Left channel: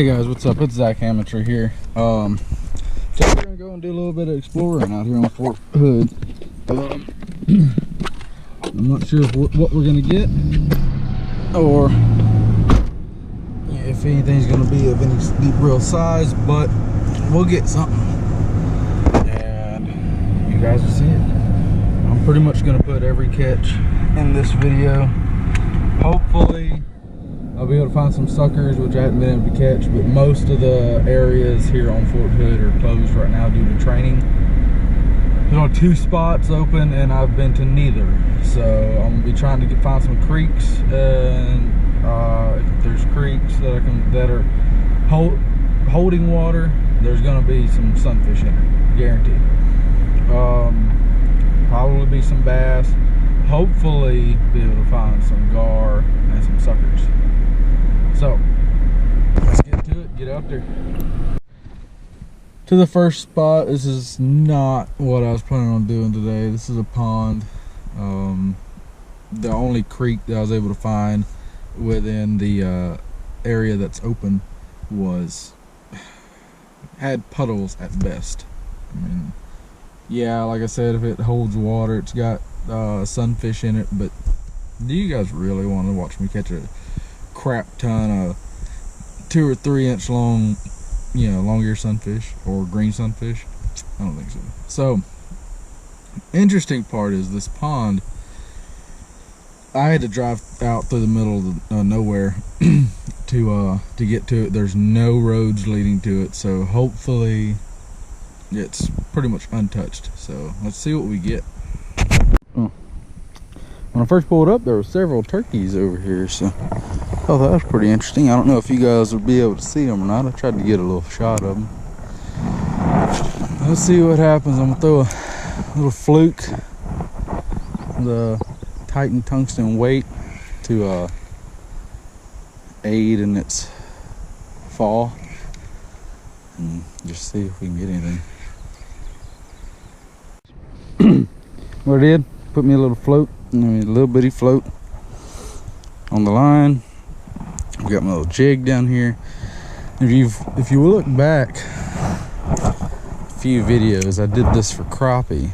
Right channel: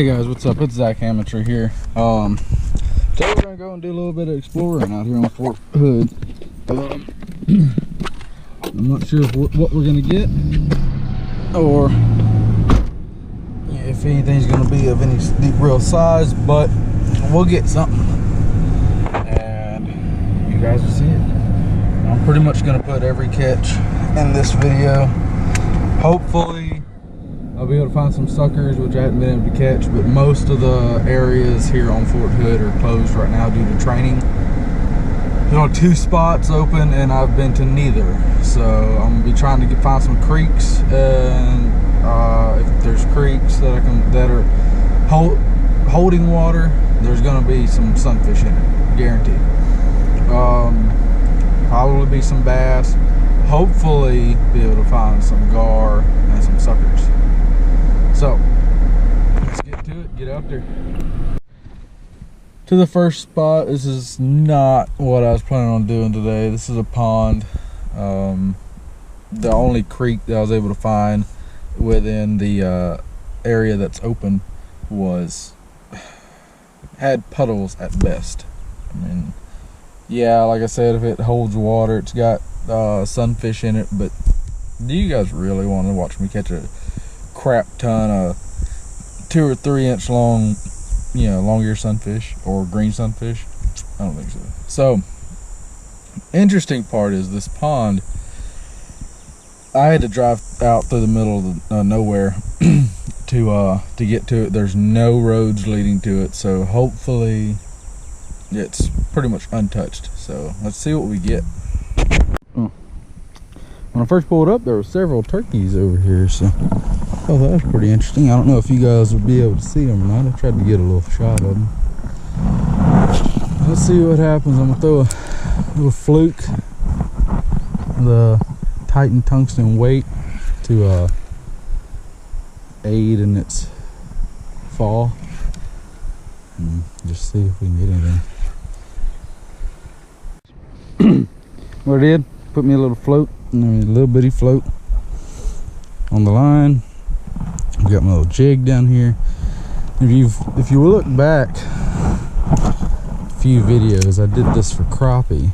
Hey guys, what's up? It's Zach Amateur here. Today we're gonna go and do a little bit of exploring out here on Fort Hood. I'm not sure what we're gonna get, or if anything's gonna be of any real size, but we'll get something, and you guys will see it. I'm pretty much gonna put every catch in this video. Hopefully I'll be able to find some suckers, which I haven't been able to catch, but most of the areas here on Fort Hood are closed right now due to training. There's only 2 spots open and I've been to neither. So I'm gonna be trying to find some creeks, and if there's creeks that are holding water, there's gonna be some sunfish in it, guaranteed. Probably be some bass. Hopefully be able to find some gar and some suckers. So let's get to it, get out there. To the first spot. This is not what I was planning on doing today. This is a pond. The only creek that I was able to find within the area that's open had puddles at best. I mean, yeah, like I said, if it holds water, it's got sunfish in it, but do you guys really want to watch me catch a crap ton of 2 or 3 inch long, long ear sunfish or green sunfish? I don't think so. So interesting part is this pond, I had to drive out through the middle of nowhere to get to it. There's no roads leading to it, so hopefully it's pretty much untouched. So let's see what we get. When I first pulled up, there were several turkeys over here, so oh, that was pretty interesting. I don't know if you guys will be able to see them or not. I tried to get a little shot of them. Let's see what happens. I'm gonna throw a little fluke, the Titan tungsten weight, to aid in its fall, and just see if we can get anything. What I did, put me a little float, a little bitty float on the line. I've got my little jig down here. If you look back a few videos, I did this for crappie,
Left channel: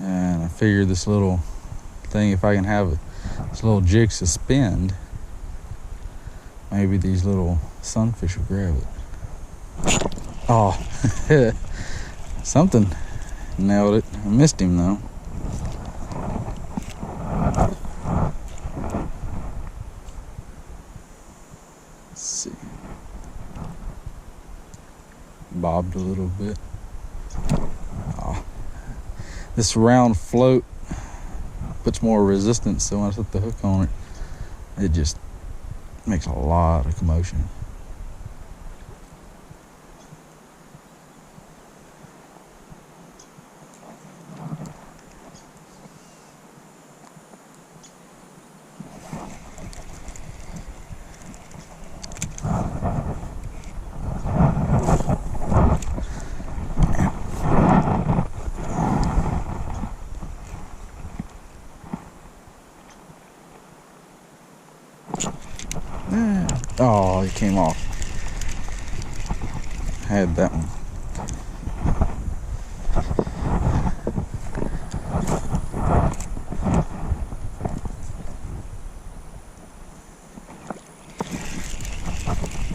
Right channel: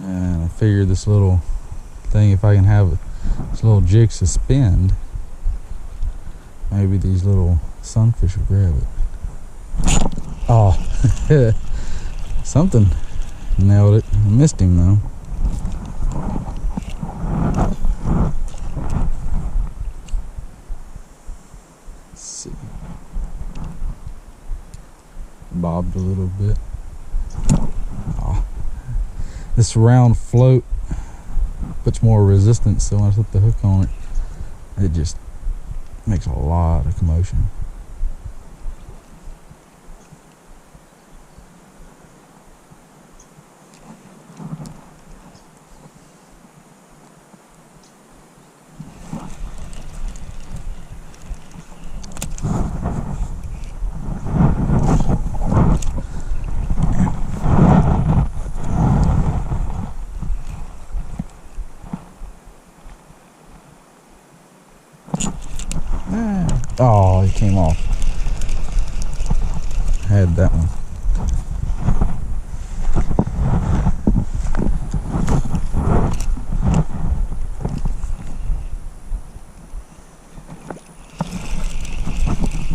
and I figured this little thing, if I can have this little jig suspend, maybe these little sunfish will grab it. Oh, something nailed it. I missed him though. Let's see. Bobbed a little bit. Oh, this round float puts more resistance, so when I put the hook on it, it just makes a lot of commotion. Oh, he came off. I had that one.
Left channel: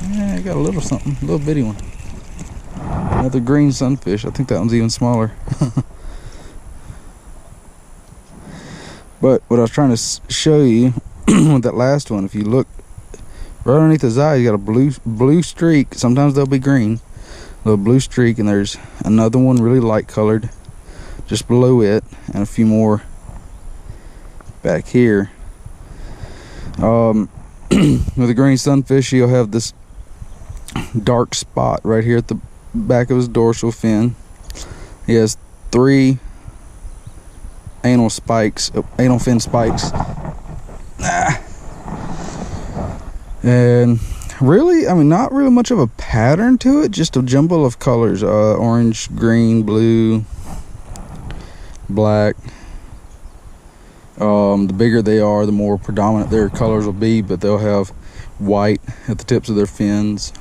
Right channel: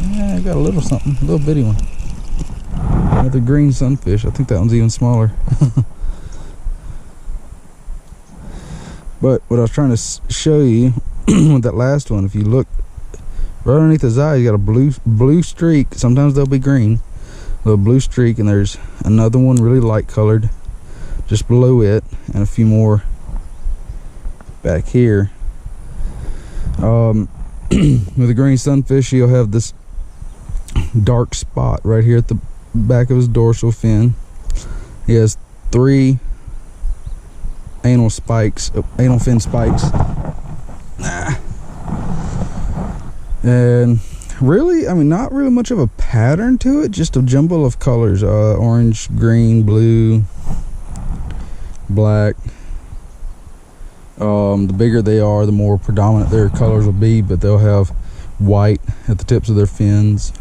Yeah, I got a little something, a little bitty one. Another green sunfish. I think that one's even smaller. But what I was trying to show you with that last one, if you look right underneath his eye, you got a blue streak. Sometimes they'll be green, a little blue streak, and there's another one really light colored just below it, and a few more back here. With a green sunfish, you'll have this dark spot right here at the back of his dorsal fin. He has 3 anal fin spikes. And really, I mean, not really much of a pattern to it, just a jumble of colors, orange, green, blue, black, The bigger they are, the more predominant their colors will be, but they'll have white at the tips of their fins.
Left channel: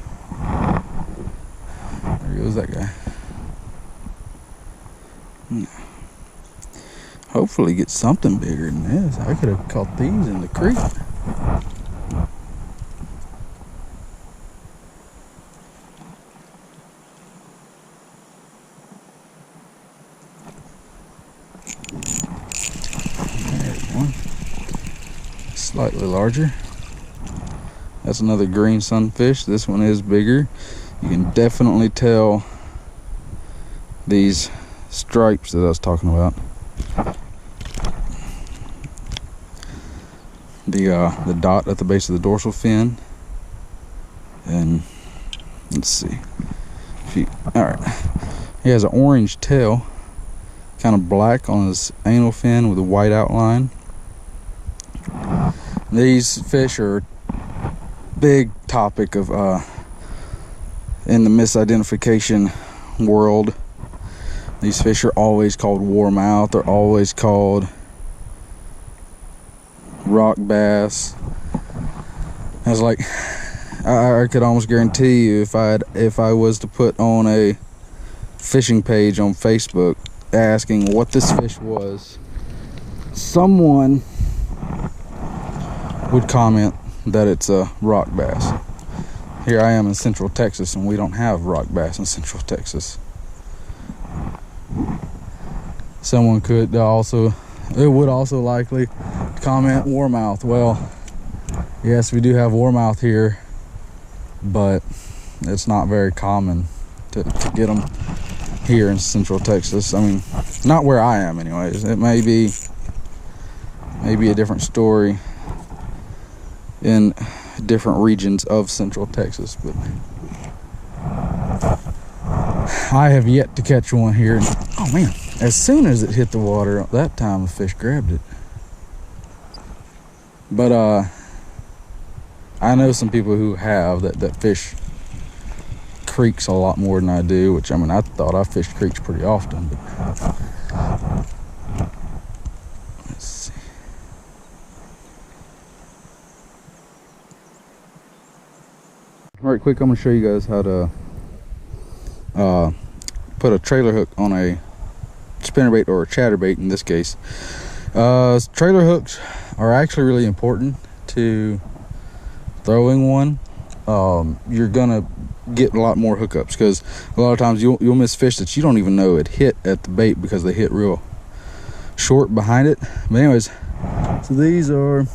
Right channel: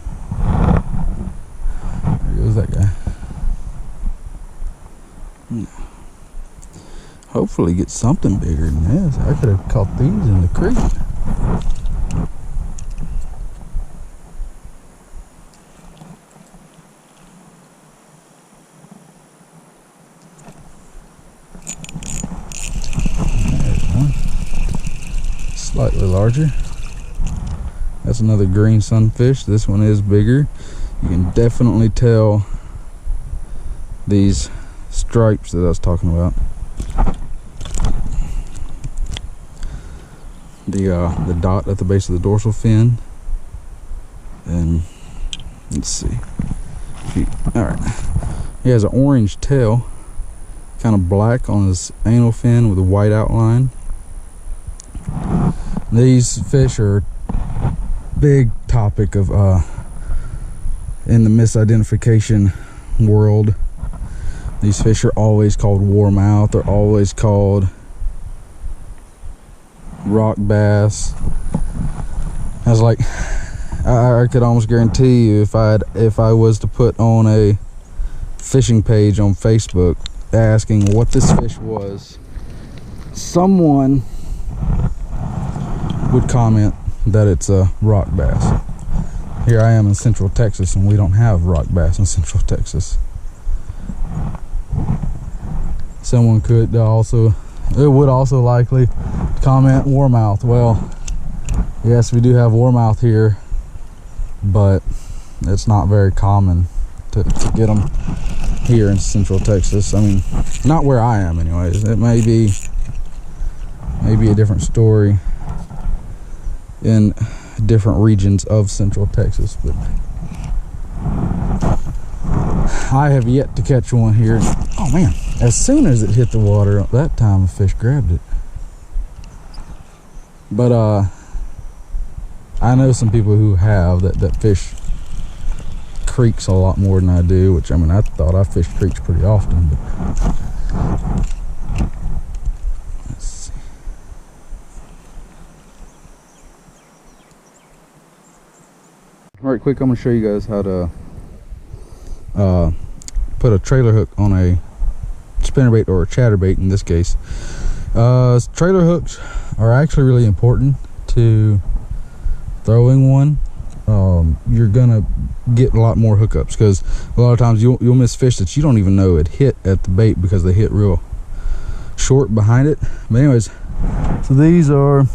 There goes that guy. Hopefully get something bigger than this. I could have caught these in the creek. There's one. Slightly larger. That's another green sunfish. This one is bigger. You can definitely tell these stripes that I was talking about. The dot at the base of the dorsal fin. And let's see. Alright. He has an orange tail, kind of black on his anal fin with a white outline. These fish are big topic of in the misidentification world. These fish are always called warmouth. They're always called rock bass. I was like, I could almost guarantee you if I was to put on a fishing page on Facebook asking what this fish was, someone would comment that it's a rock bass. Here I am in Central Texas, and we don't have rock bass in Central Texas. Someone could also, it would also likely comment warmouth. Well, yes, we do have warmouth here, but it's not very common to get them here in Central Texas. I mean, not where I am anyways. It may be a different story in different regions of Central Texas, but I have yet to catch one here. Oh man, as soon as it hit the water, that time a fish grabbed it. But I know some people who have that fish creeks a lot more than I do, which, I mean, I thought I fished creeks pretty often, but let's see. Right quick, I'm going to show you guys how to put a trailer hook on a spinnerbait or a chatterbait in this case. Trailer hooks are actually really important to throwing one. You're gonna get a lot more hookups because a lot of times you'll miss fish that you don't even know it hit at the bait because they hit real short behind it. But anyways, so these are,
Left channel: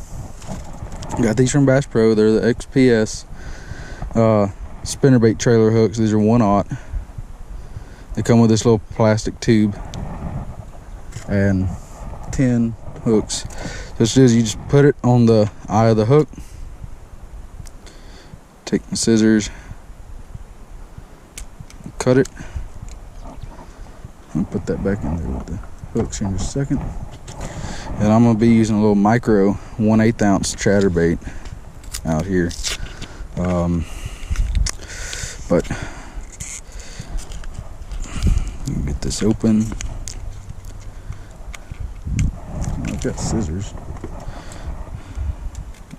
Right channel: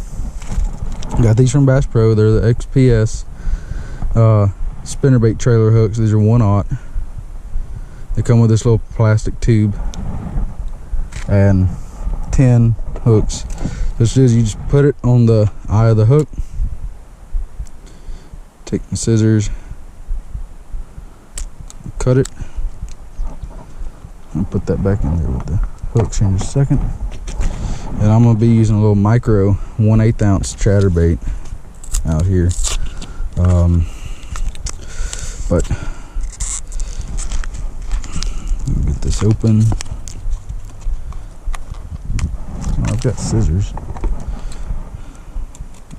got these from Bass Pro. They're the XPS spinnerbait trailer hooks. These are 1/0. They come with this little plastic tube and 10 hooks. So it's just, you just put it on the eye of the hook, take the scissors, cut it. I'll put that back in there with the hooks here in just a second. And I'm going to be using a little micro 1/8 ounce chatterbait out here. But get this open. I've got scissors.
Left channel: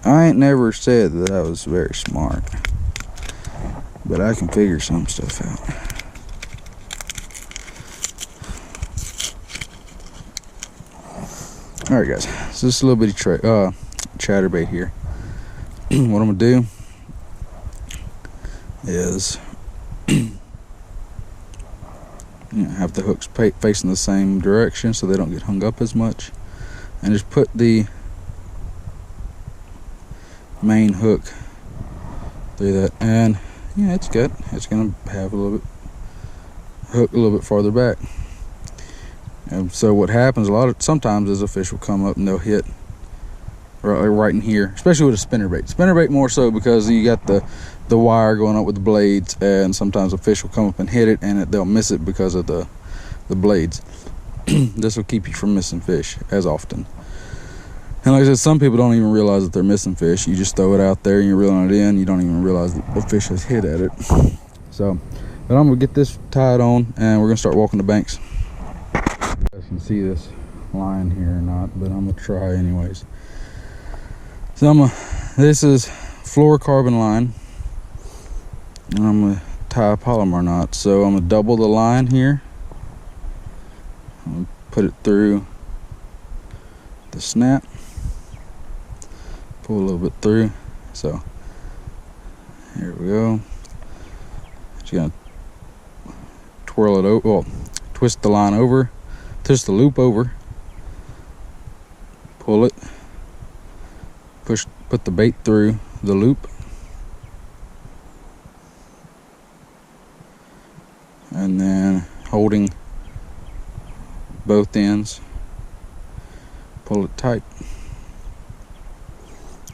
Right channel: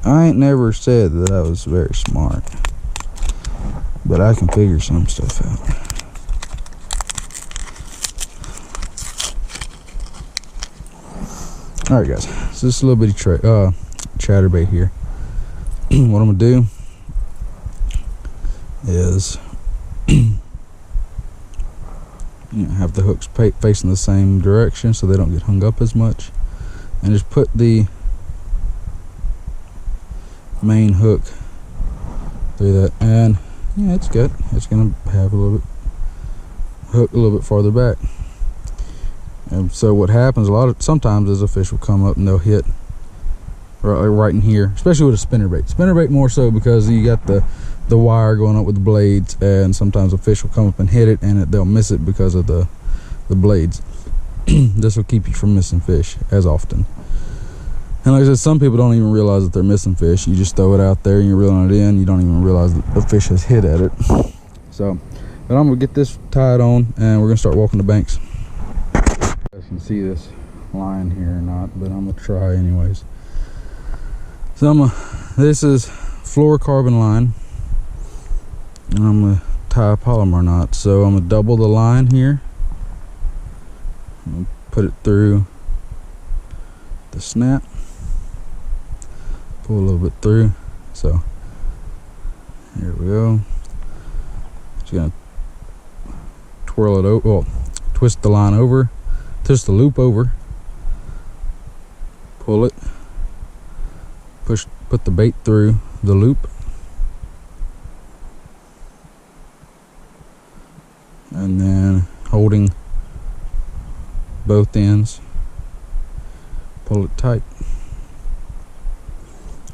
I ain't never said that I was very smart, but I can figure some stuff out. Alright guys, so this is a little bitty chatterbait here. What I'm gonna do is have the hooks facing the same direction so they don't get hung up as much, and just put the main hook through that, and yeah, it's good. It's gonna have a little bit hook a little bit farther back. And so what happens sometimes is a fish will come up and they'll hit right in here, especially with a spinnerbait more so because you got the wire going up with the blades, and sometimes a fish will come up and hit it and they'll miss it because of the blades. This will keep you from missing fish as often. And like I said, some people don't even realize that they're missing fish. You just throw it out there and you're reeling it in, you don't even realize that a fish has hit at it. So, but I'm gonna get this tied on and we're gonna start walking the banks. You guys can see this line here or not, but I'm gonna try anyways. So this is fluorocarbon line, and I'm gonna tie a polymer knot. So I'm gonna double the line here. I'm gonna put it through the snap, pull a little bit through. So here we go. Just gonna twirl it over, well, twist the line over, twist the loop over, pull it, put the bait through the loop, and then holding both ends, pull it tight,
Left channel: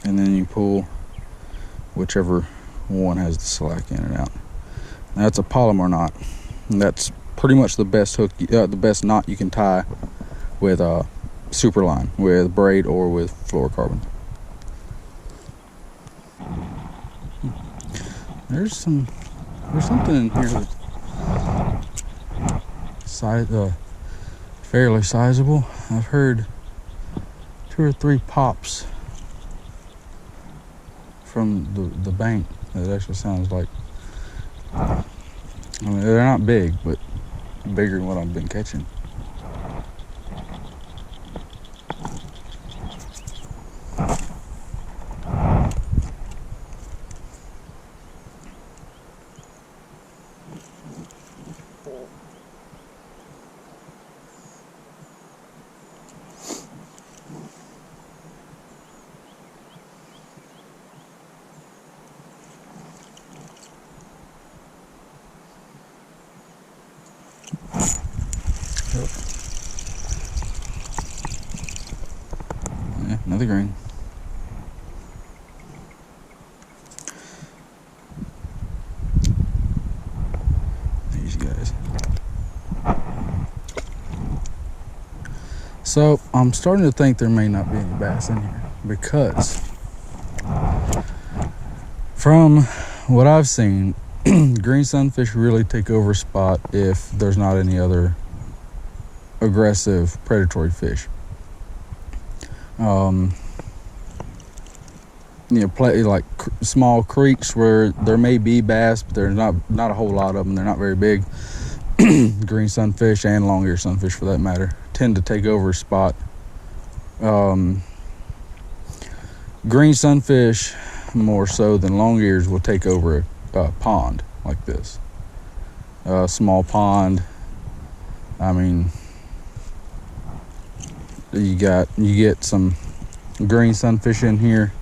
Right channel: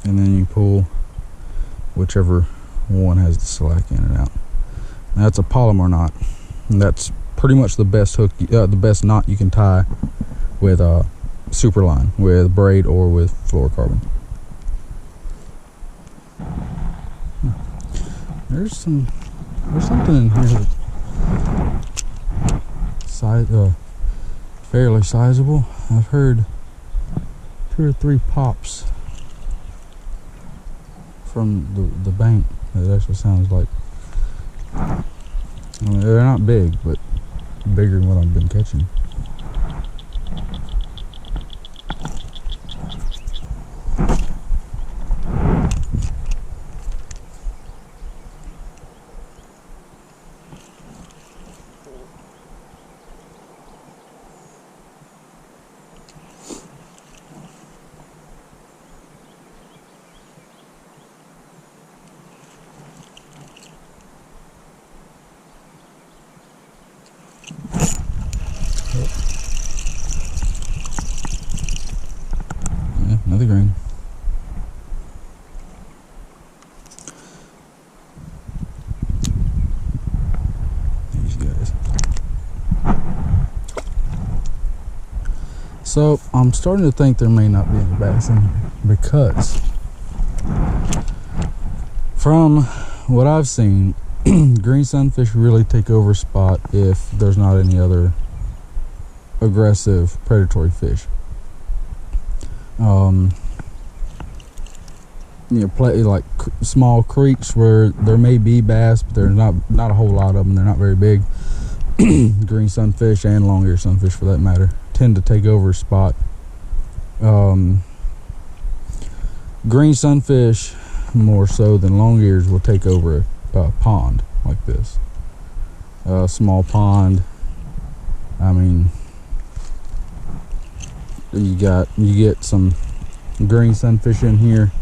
and then you pull whichever one has the slack in and out. Now that's a polymer knot, and that's pretty much the best hook, the best knot you can tie with super line, with braid or with fluorocarbon. There's something in here that's fairly sizable. I've heard 2 or 3 pops from the bank. That actually sounds like, I mean, they're not big, but bigger than what I've been catching. Yeah, another green. These guys. So I'm starting to think there may not be any bass in here, because from what I've seen, green sunfish really take over a spot if there's not any other aggressive predatory fish. You know, play like small creeks where there may be bass, but there's not a whole lot of them. They're not very big. Green sunfish and long-eared sunfish, for that matter, tend to take over a spot. Green sunfish, more so than long-ears, will take over a pond like this. A small pond. I mean, you get some green sunfish in here,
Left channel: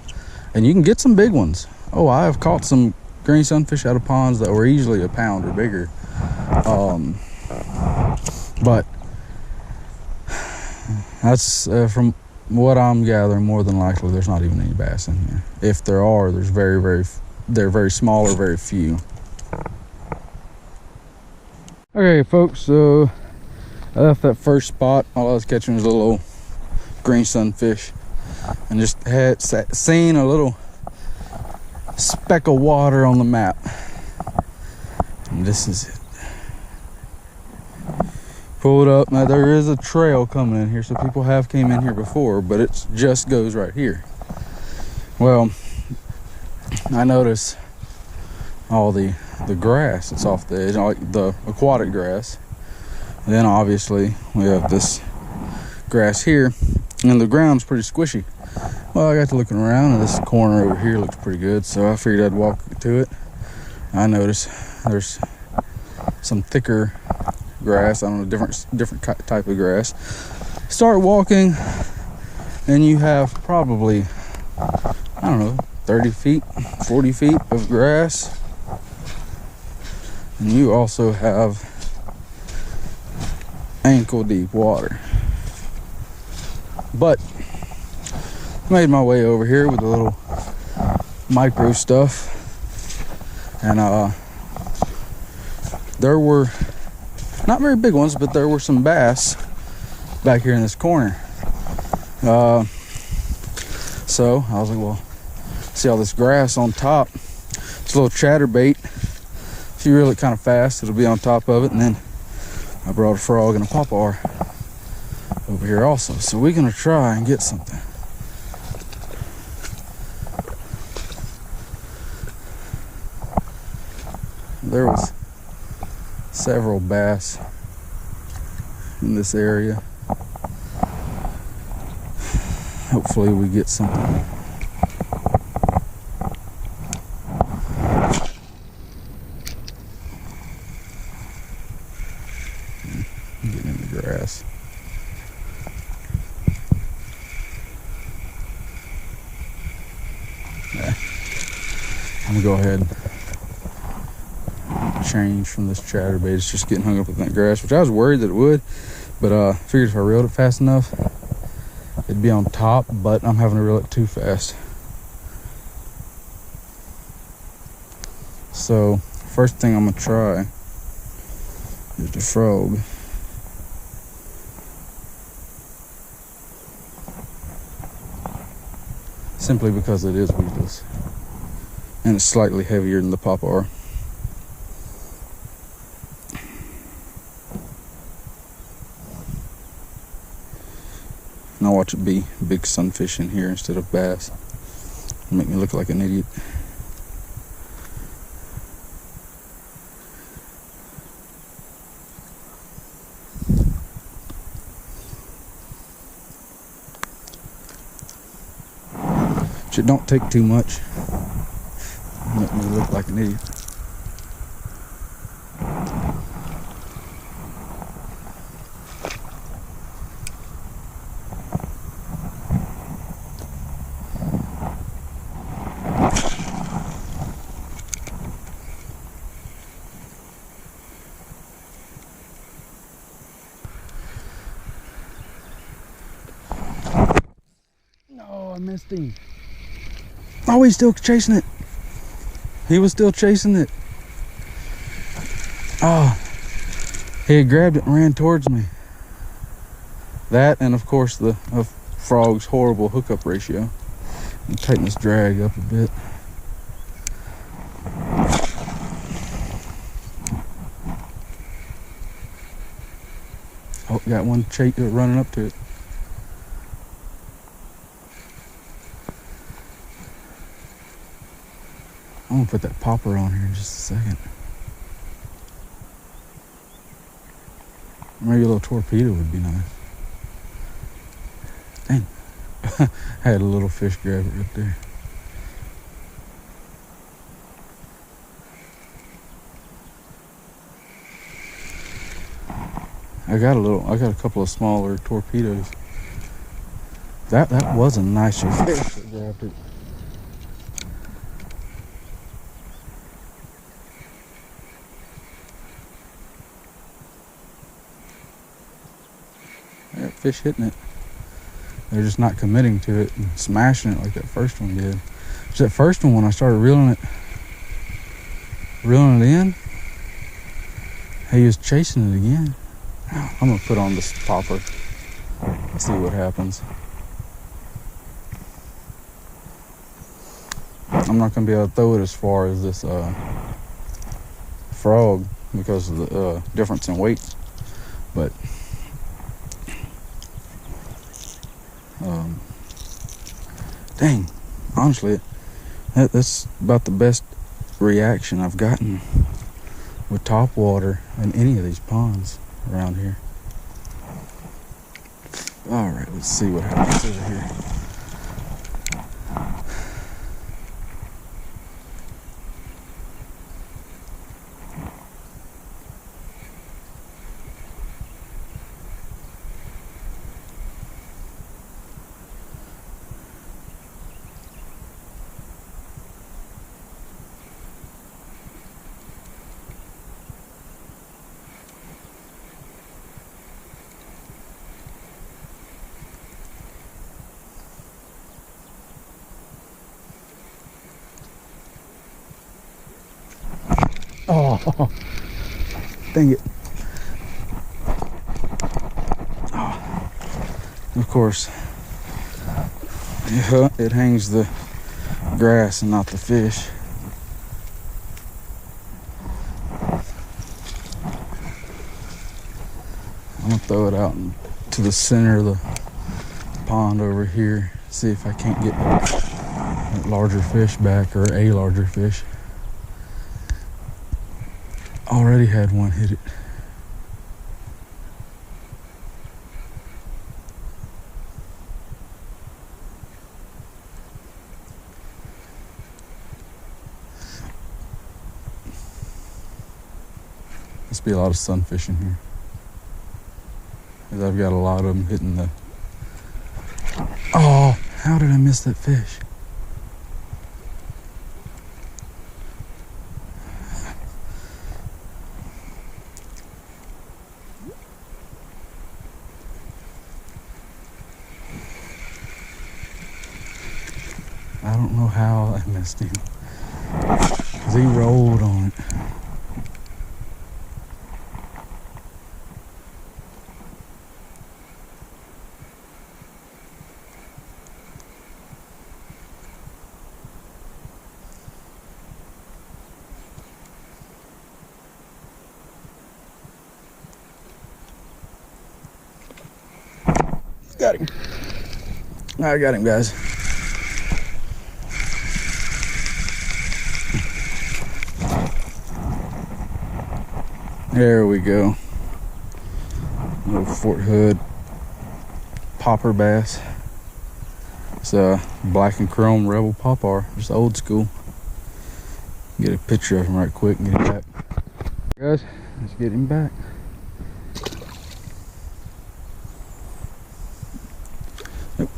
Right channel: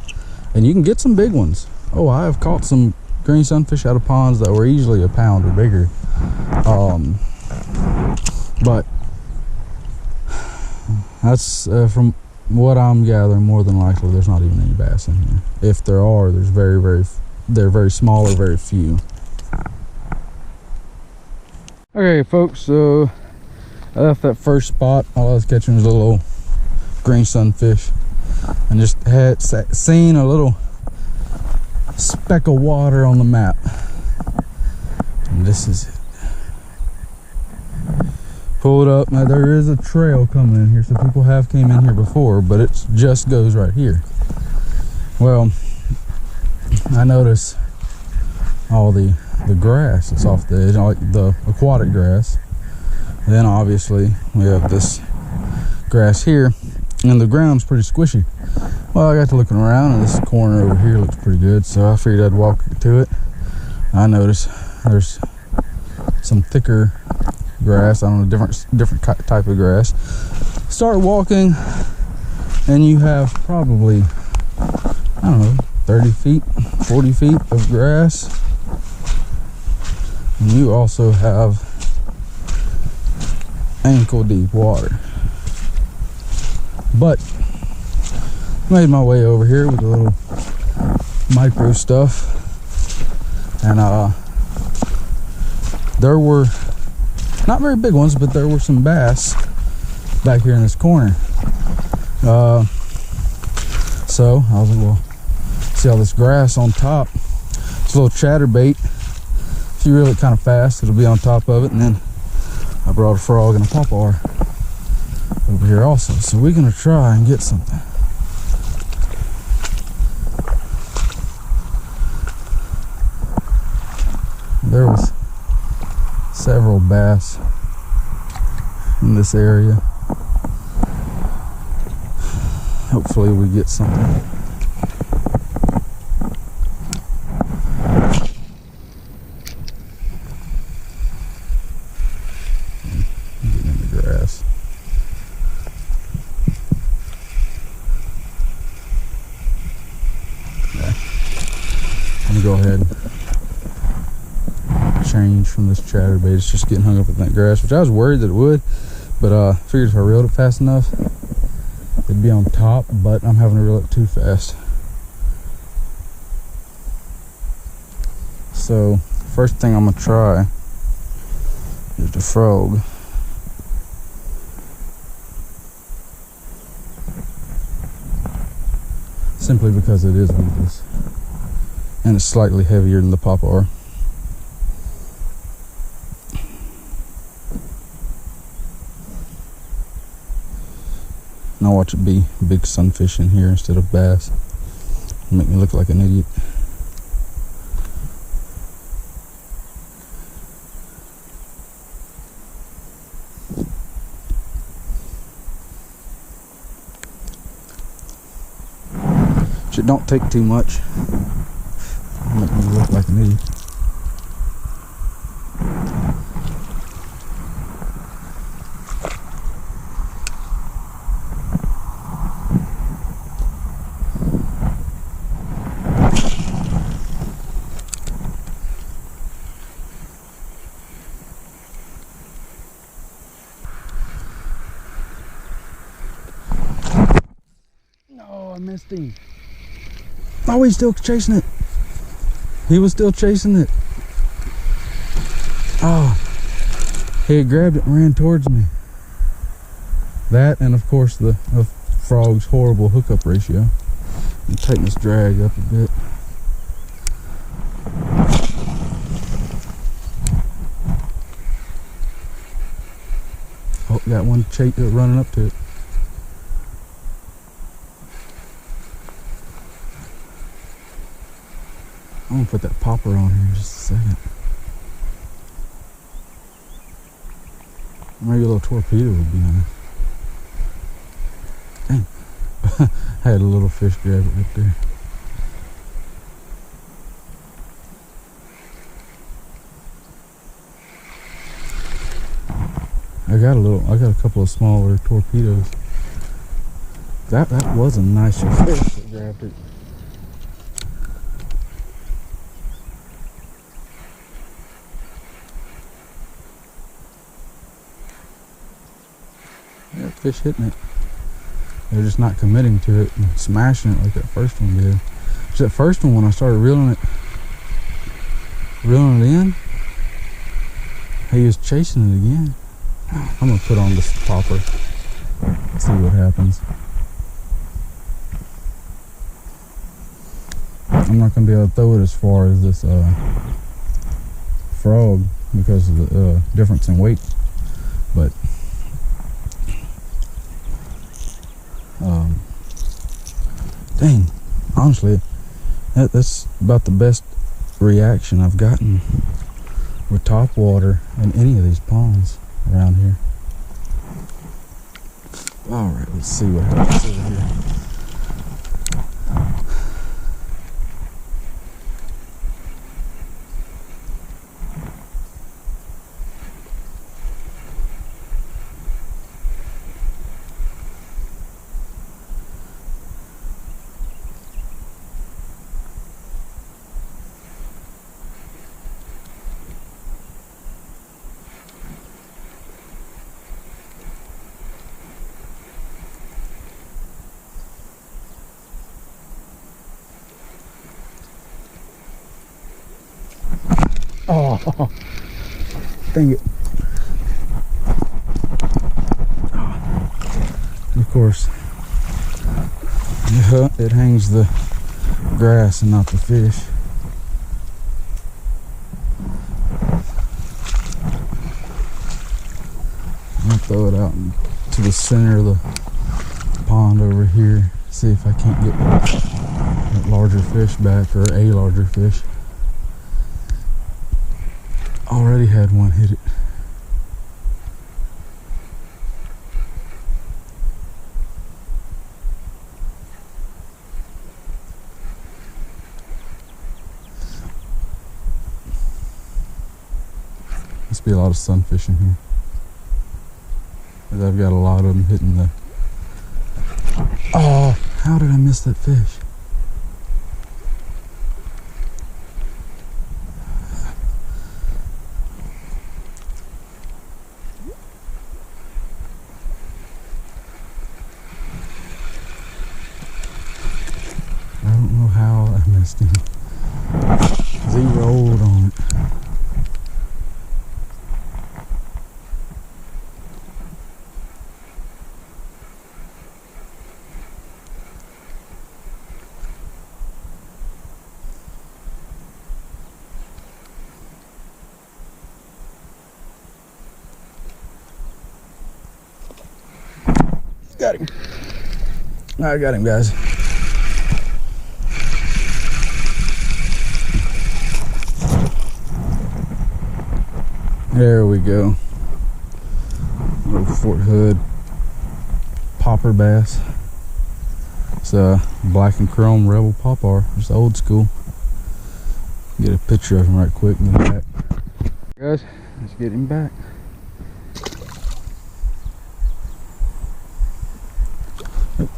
and you can get some big ones. Oh, I have caught some green sunfish out of ponds that were easily a pound or bigger. But that's from what I'm gathering, more than likely there's not even any bass in here. If there are, they're very small or very few. Okay, folks, so I left that first spot. All I was catching was a little old green sunfish, and just had seen a little speck of water on the map, and this is it. Pull it up. Now there is a trail coming in here, so people have came in here before, but it just goes right here. Well, I notice all the grass that's off the edge, like the aquatic grass. And then obviously we have this grass here, and the ground's pretty squishy. Well, I got to looking around, and this corner over here looks pretty good, so I figured I'd walk to it. I noticed there's some thicker grass, I don't know, different type of grass. Start walking, and you have probably, I don't know, 30 feet, 40 feet of grass. And you also have ankle deep water. But made my way over here with a little micro stuff, and there were not very big ones, but there were some bass back here in this corner. So I was like, well, see all this grass on top, it's a little chatterbait. If you reel it kind of fast, it'll be on top of it. And then I brought a frog and a pawpaw over here also. So we're gonna try and get something. There was several bass in this area. Hopefully we get something. Getting in the grass. Yeah. I'm gonna go ahead and change from this chatterbait. It's just getting hung up in that grass, which I was worried that it would, but I figured if I reeled it fast enough it'd be on top, but I'm having to reel it too fast. So first thing I'm gonna try is the frog. Simply because it is weedless and it's slightly heavier than the popper. And I'll watch it be big sunfish in here instead of bass. It'll make me look like an idiot. It don't take too much. It'll make me look like an idiot. No, I missed him. Oh, he's still chasing it. He was still chasing it. Oh, he had grabbed it and ran towards me. That, and of course the frog's horrible hookup ratio. I'm tighten this drag up a bit. Oh, got one running up to it. I'm gonna put that popper on here in just a second. Maybe a little torpedo would be nice. Dang. I had a little fish grab it right there. I got a couple of smaller torpedoes. That was a nicer fish that grabbed it. I got fish hitting it. They're just not committing to it and smashing it like that first one did. So that first one, when I started reeling it in, he was chasing it again. I'm gonna put on this popper, see what happens. I'm not gonna be able to throw it as far as this frog because of the difference in weight, but dang, honestly, that's about the best reaction I've gotten with topwater in any of these ponds around here. All right, let's see what happens over here. Oh, dang it. Oh. Of course, it hangs the grass and not the fish. I'm gonna throw it out in to the center of the pond over here, see if I can't get that larger fish back, or a larger fish. Already had one hit it. Must be a lot of sunfish in here, because I've got a lot of them hitting the... Oh, how did I miss that fish? I don't know how I missed him, because he rolled on it. Got him. I got him, guys. There we go. Little Fort Hood popper bass. It's a black and chrome Rebel popper, just old school. Get a picture of him right quick and get him back. Guys, let's get him back. Nope.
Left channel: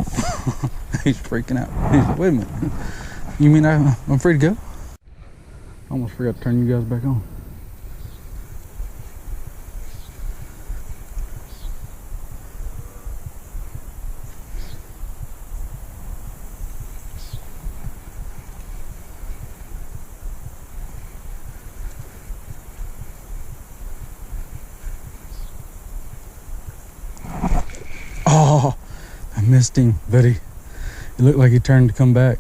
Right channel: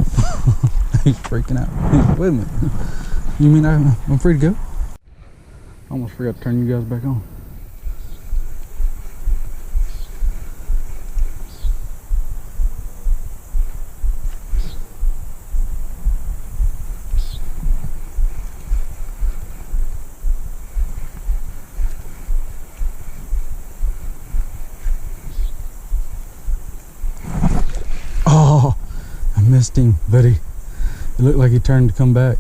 He's freaking out. He's like, wait a minute. You mean I'm free to go? I almost forgot to turn you guys back on. Oh, I missed him, but it looked like he turned to come back.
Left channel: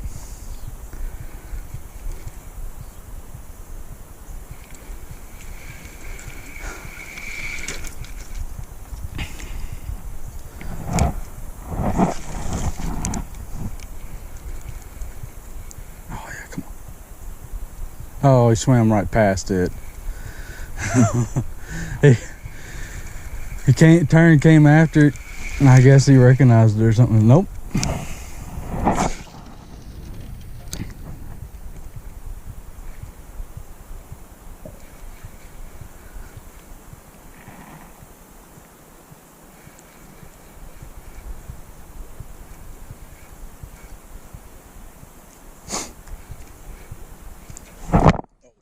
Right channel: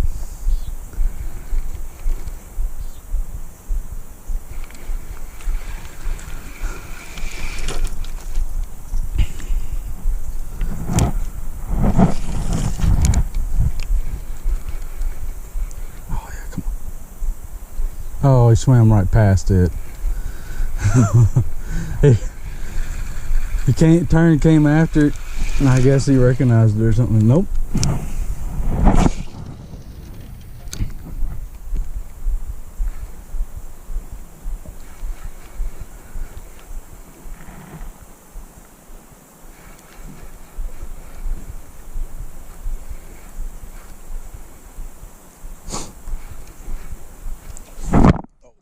Oh yeah, come on. Oh, he swam right past it. He came after it. And I guess he recognized it or something. Nope. Oh,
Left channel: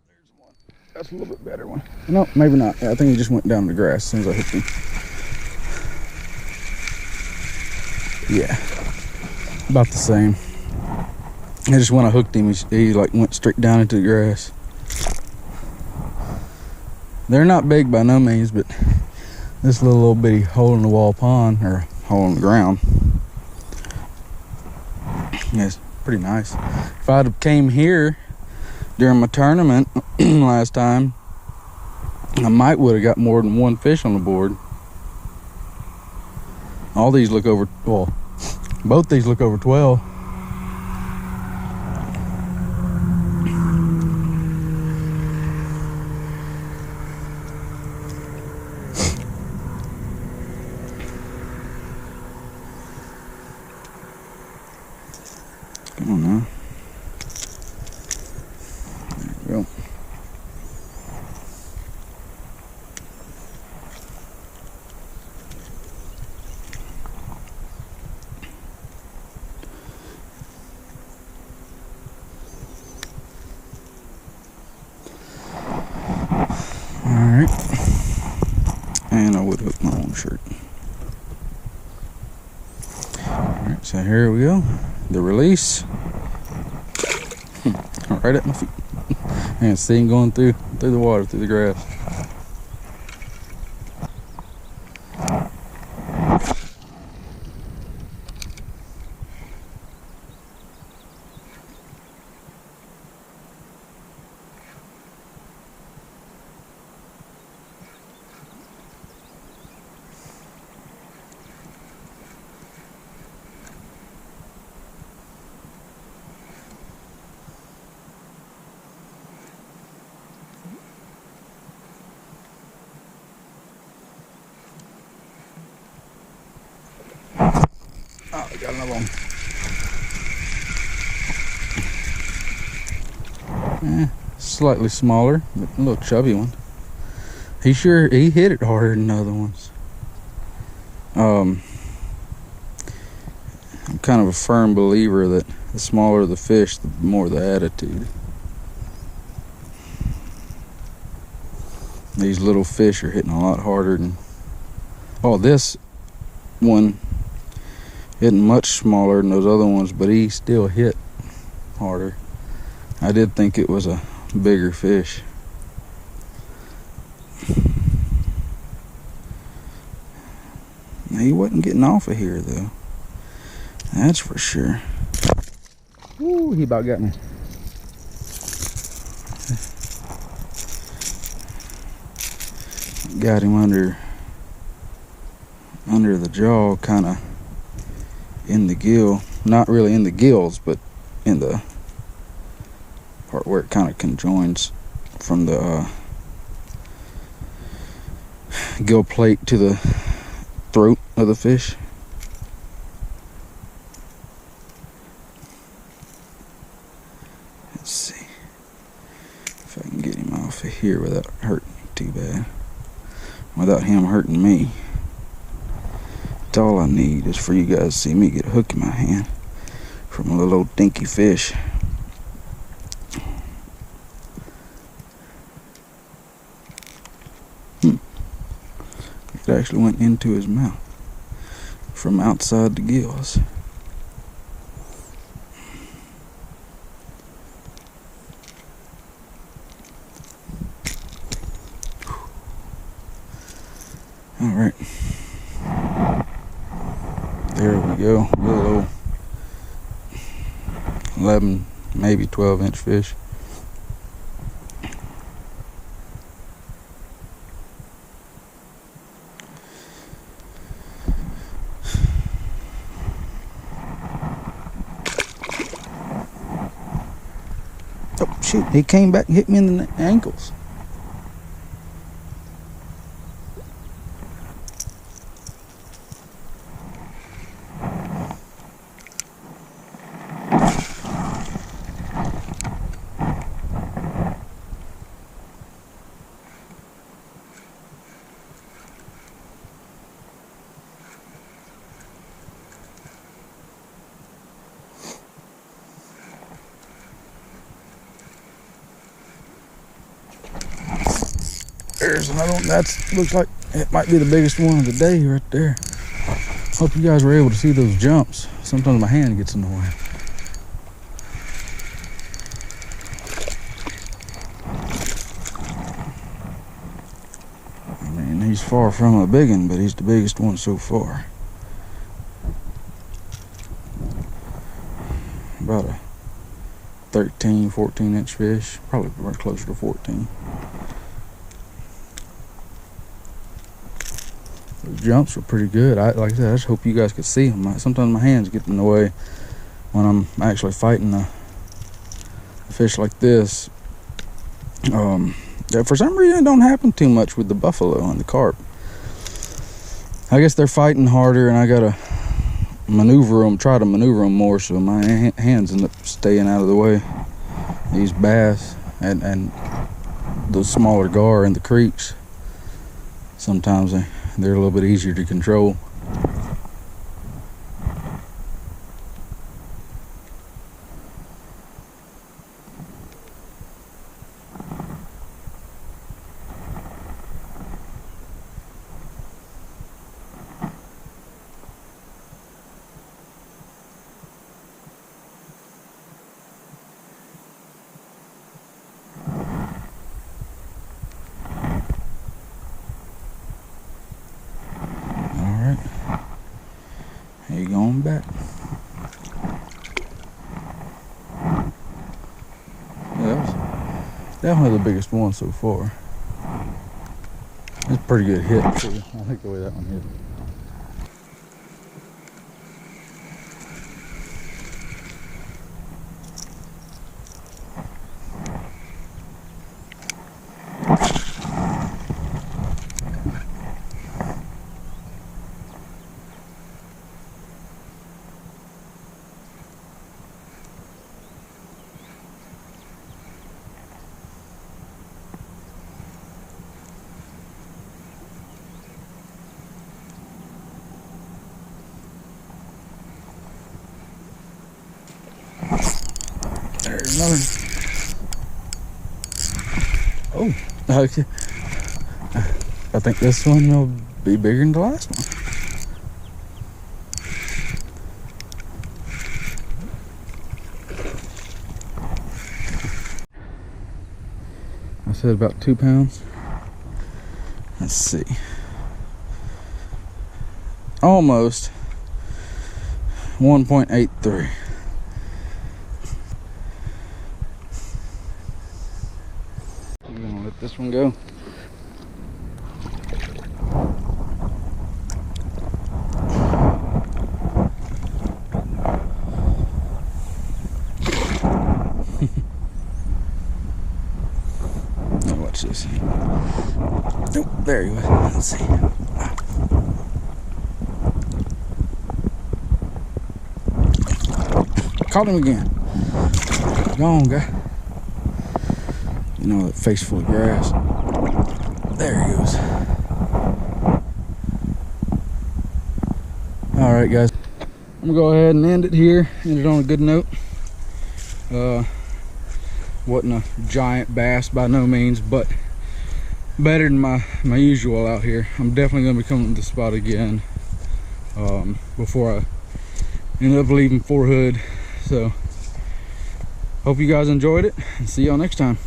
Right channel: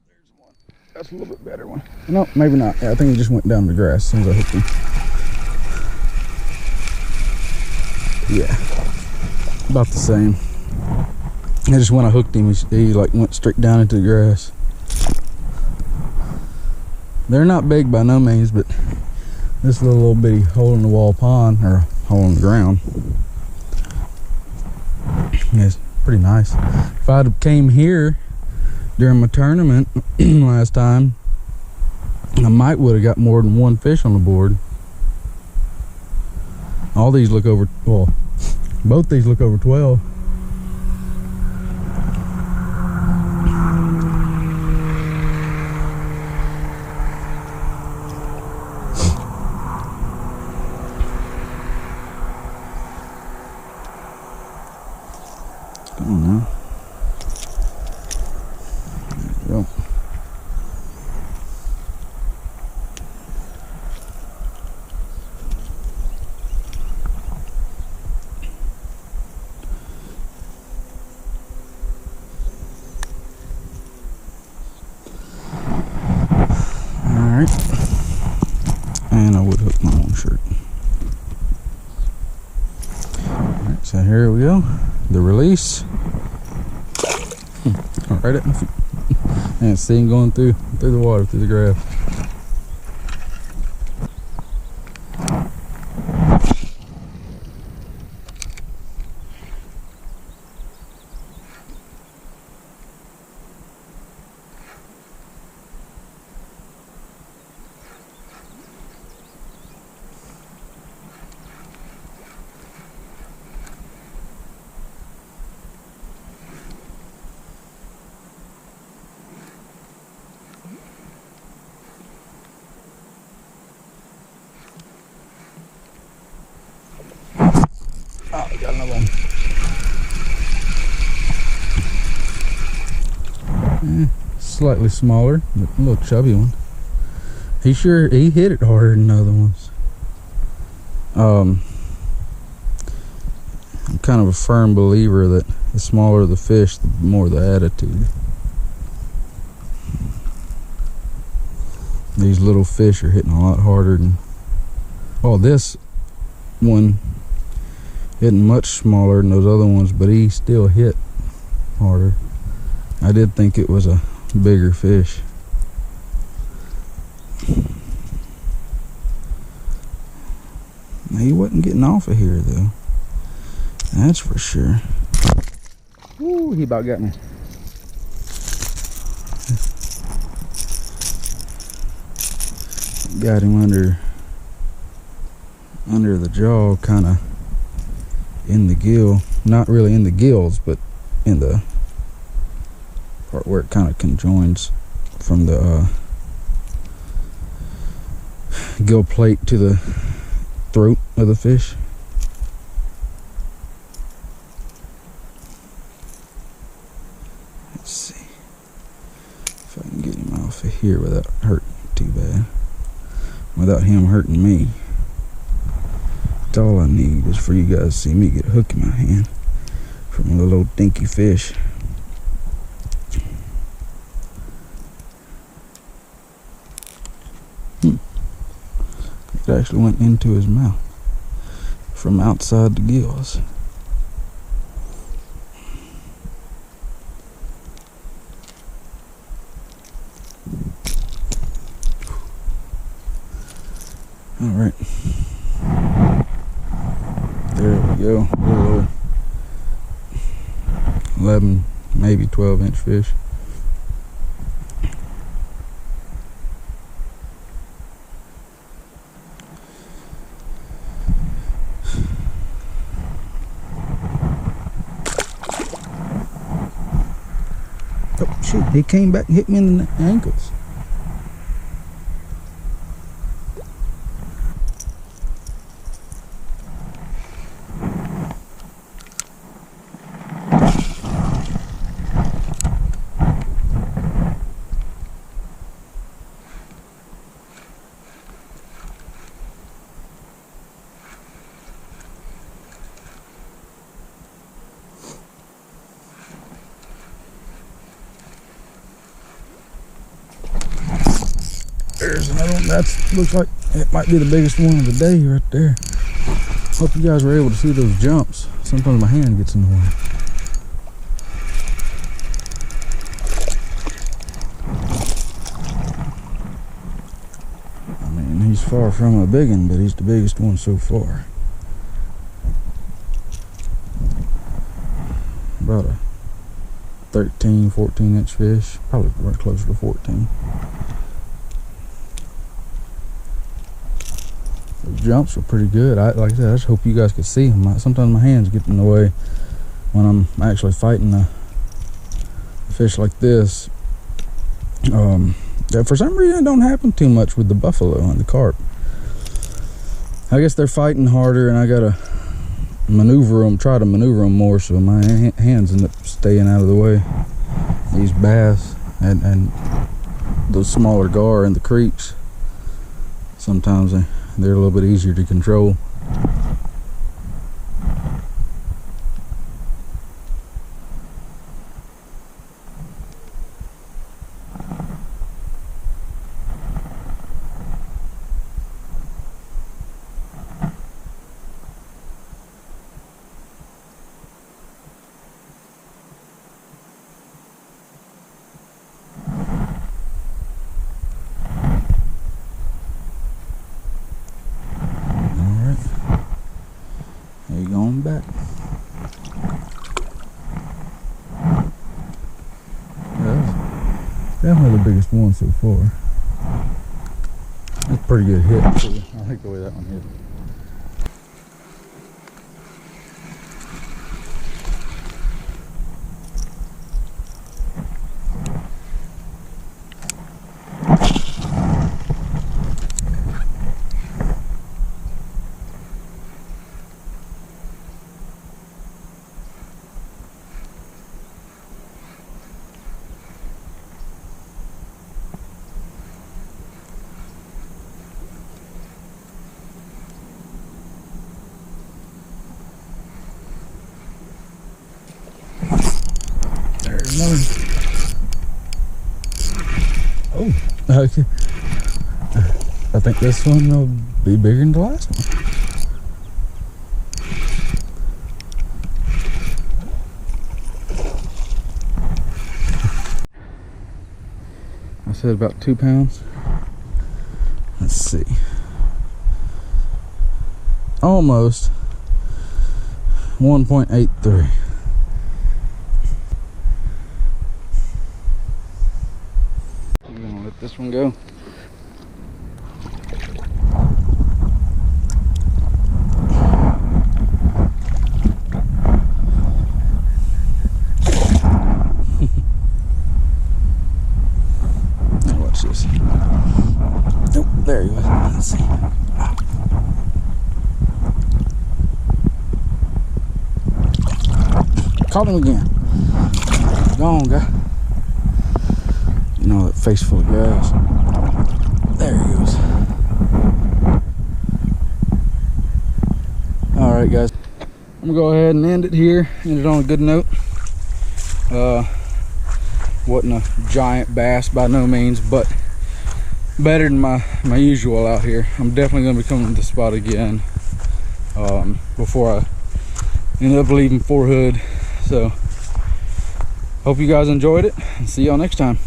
there's one. That's a little bit better one. No, maybe not. Yeah, I think he just went down the grass as soon as I hooked him. Yeah, about the same. I just when I hooked him, he like went straight down into the grass. They're not big by no means, but this little bitty hole in the wall pond, or hole in the ground, yeah, it's pretty nice. If I'd came here during my tournament last time, I might would have got more than one fish on the board. All these look over, well, both these look over 12. Come on now. There we go. Alright, and I would hook my own shirt. Alright, so here we go, the release. Right at my feet. And see him going through the water, through the grass. Oh, we got another one. Slightly smaller, but a little chubby one. He hit it harder than other ones. I'm kind of a firm believer that the smaller the fish, the more the attitude. These little fish are hitting a lot harder than... Oh, this one isn't much smaller than those other ones, but he still hit harder. I did think it was a bigger fish. He wasn't getting off of here though. That's for sure. Ooh, he about got me. Got him under the jaw, kind of in the gill. Not really in the gills, but in the part where it kind of conjoins from the gill plate to the throat of the fish. Let's see if I can get him off of here without hurting him too bad, without him hurting me. That's all I need is for you guys to see me get a hook in my hand from a little old dinky fish. It actually went into his mouth from outside the gills. All right, there we go. A little old 11, maybe 12-inch fish. Oh shoot, he came back and hit me in the ankles. There's another one. That looks like it might be the biggest one of the day right there. Hope you guys were able to see those jumps. Sometimes my hand gets in the way. I mean, he's far from a big one, but he's the biggest one so far. About a 13, 14-inch fish. Probably closer to 14. Those jumps were pretty good. Like I said, I just hope you guys could see them. Sometimes my hands get in the way when I'm actually fighting a fish like this. For some reason, it don't happen too much with the buffalo and the carp. I guess they're fighting harder, and I gotta try to maneuver them more, so my hands end up staying out of the way. These bass and those smaller gar in the creeks, sometimes they're a little bit easier to control. Hey, going back. Yeah, that was definitely the biggest one so far. It's a pretty good hit too. I like the way that one hit. Okay. I think this one will be bigger than the last one. I said about 2 pounds. Let's see. Almost 1.83. I'm gonna let this one go. Now watch this. Nope, there he was. Let's see. Caught him again. Go on, guy. You know, that face full of grass. There he goes. All right, guys. I'm gonna go ahead and end it here. End it on a good note. Wasn't a giant bass by no means, but better than my usual out here. I'm definitely gonna be coming to the spot again before I end up leaving Fort Hood. So hope you guys enjoyed it, and see y'all next time.